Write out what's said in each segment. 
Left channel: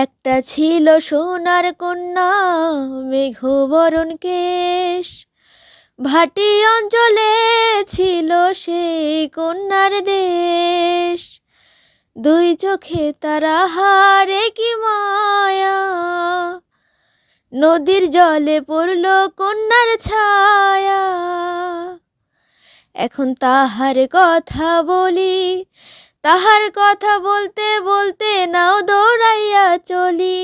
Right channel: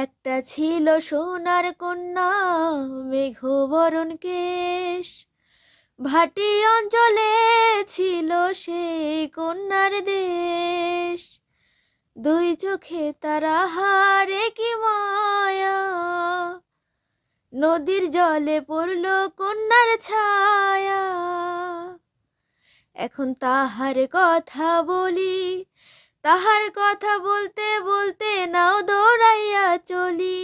একটা ছিল সোনার কন্যা, মেঘবরণ কেশ। ভাটি অঞ্চলে ছিল সেই কন্যার দেশ। দুই চোখে তারা হারে কি মায়া, নদীর জলে পড়ল কন্যার ছায়া। এখন তাহার কথা বলি, তাহার কথা বলতে বলতে নাও দৌড়াইয়া চলি।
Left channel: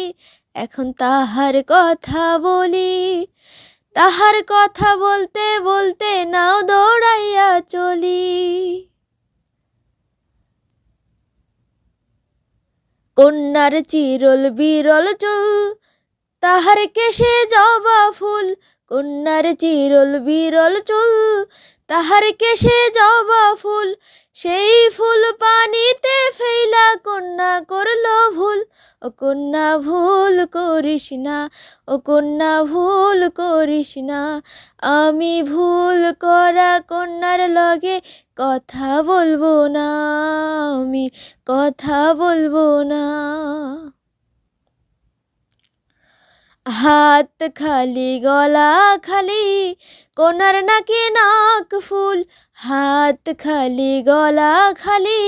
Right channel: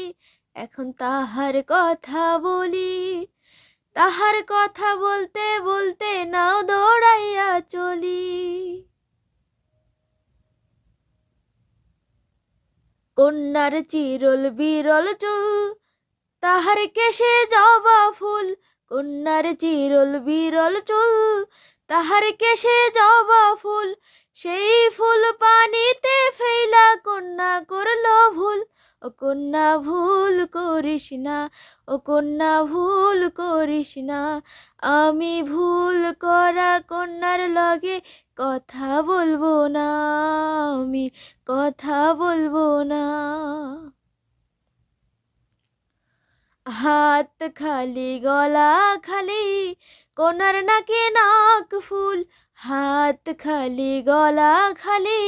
এখন তাহার কথা বলি, তাহার কথা বলতে বলতে নাও দৌড়াইয়া চলি। কন্যার চিরল বিরল চুল, তাহার কেশে জবা ফুল। কন্যার চিরল বিরল চুল, তাহার কেশে জবা ফুল। সেই ফুল পানিতে ফেলা কন্যা করল ভুল। ও কন্যা ভুল করিস না, ও কন্যা ভুল করিস না। আমি ভুল করা কন্যার লগে কথা বলবো না, আমি কথা বলবো না। হাত খালি গলা খালি, কন্যার নাকে নাক ফুল। হাত খালি গলা খালি,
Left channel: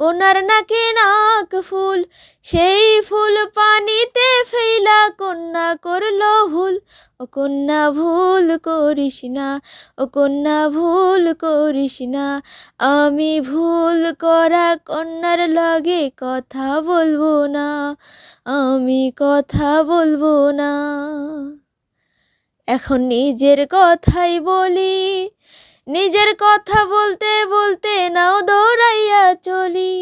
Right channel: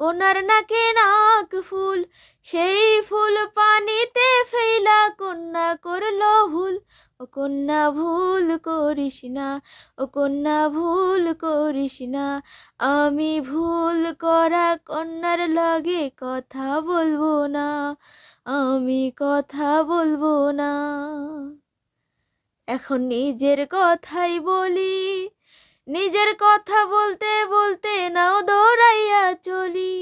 কন্যার নাকে নাক ফুল। সেই ফুল পানিতে ফেলা কন্যা করল ভুল। ও কন্যা ভুল করিস না, ও কন্যা ভুল করিস না। আমি ভুল করা কন্যার লগে কথা বলবো না, আমি কথা বলবো না। এখন নিজের কথাই বলি, নিজের কথা বলতে বলতে নাও দৌড়াইয়া চলি।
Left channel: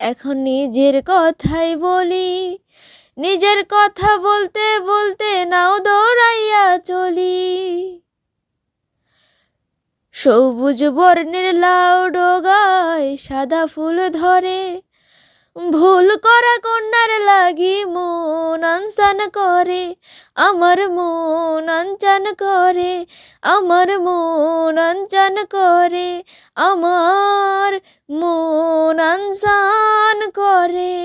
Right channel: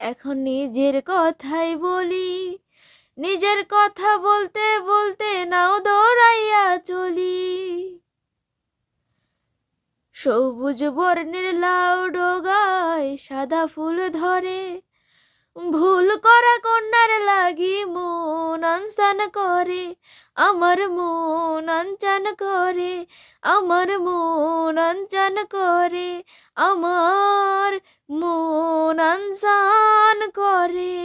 এখন নিজের কথাই বলি, নিজের কথা বলতে বলতে নাও দৌড়াইয়া চলি। সবুজ বর্ণের লাউ ডগায় সাদা ফুল ধরে, ভুল করা কন্যার লাগি মন আনসান করে। আমার মন আনচান করে, আমার মন আনচান করে, আমার মন আনসান করে।